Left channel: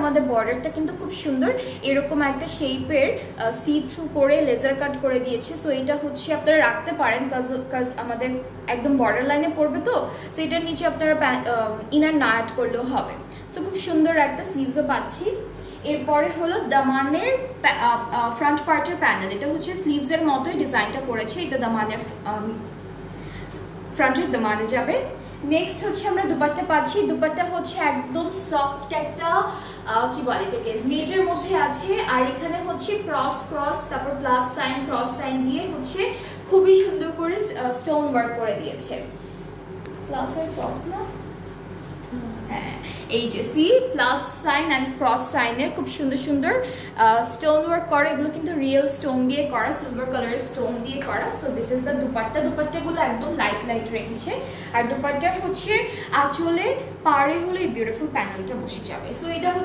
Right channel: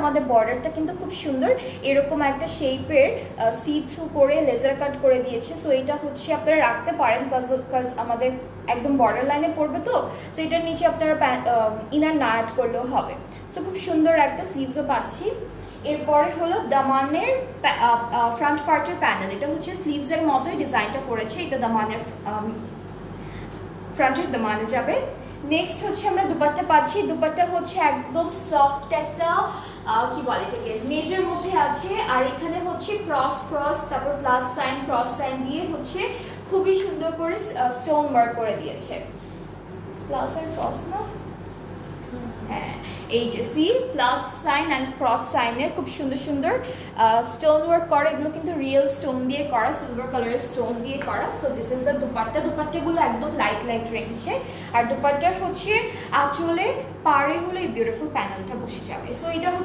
আমাদের বর্ডারটা কিন্তু খুব সুন্দর, এরকম একটা শেপের সি থ্রু করে লেজার কাট করে দিয়েছে। সো এটা হচ্ছে আপনারা রাখতে পারেন, কাজ আমাদের একদম বর্ডার লাইনে পড়বে, তো সো এটার নিচে আপনারা ইনার না অ্যাড করলেও হবে। সো খুব সুন্দর একটা স্লিভসও পাচ্ছি। এরপরে হলো দামানের ফ্রন্ট পার্টের প্যানেল, এটা হচ্ছে স্লিভসের মতোই ডিজাইনটা করেছে, এটা দামানের ফ্রন্টের দামানে যাবে। নেক্সট হচ্ছে আমরা দুপাট্টা পাচ্ছি, দুপাট্টা হচ্ছে একদম সফট একটা কি বলে এটাকে, নেটের মধ্যে আছে, আর এখানে হচ্ছে ক্রস ক্রস তারপর প্লাস সাইন ক্রস সাইন দিয়ে হচ্ছে খুবই সুন্দর করে স্টোন ওয়ার্ক করে দিয়েছে। প্লাস আর ক্রস না, হ্যাঁ এই যে C plus sign and cross সাইনের খুব সুন্দর সুন্দর স্টোন ওয়ার্ক করা, এগুলো কিন্তু রিয়েল স্টোন দিয়ে করা, সিলভার কালারের স্টোন দিয়ে করা। So this is the dupatta, দুপাট্টাগুলো একদম লাইট লাইট রেঞ্জে, আর দুপাট্টার হচ্ছে আঁচলে পাড়ে হলে এই বিউটিফুল প্যানেলটা বসে যাবে। সো এটা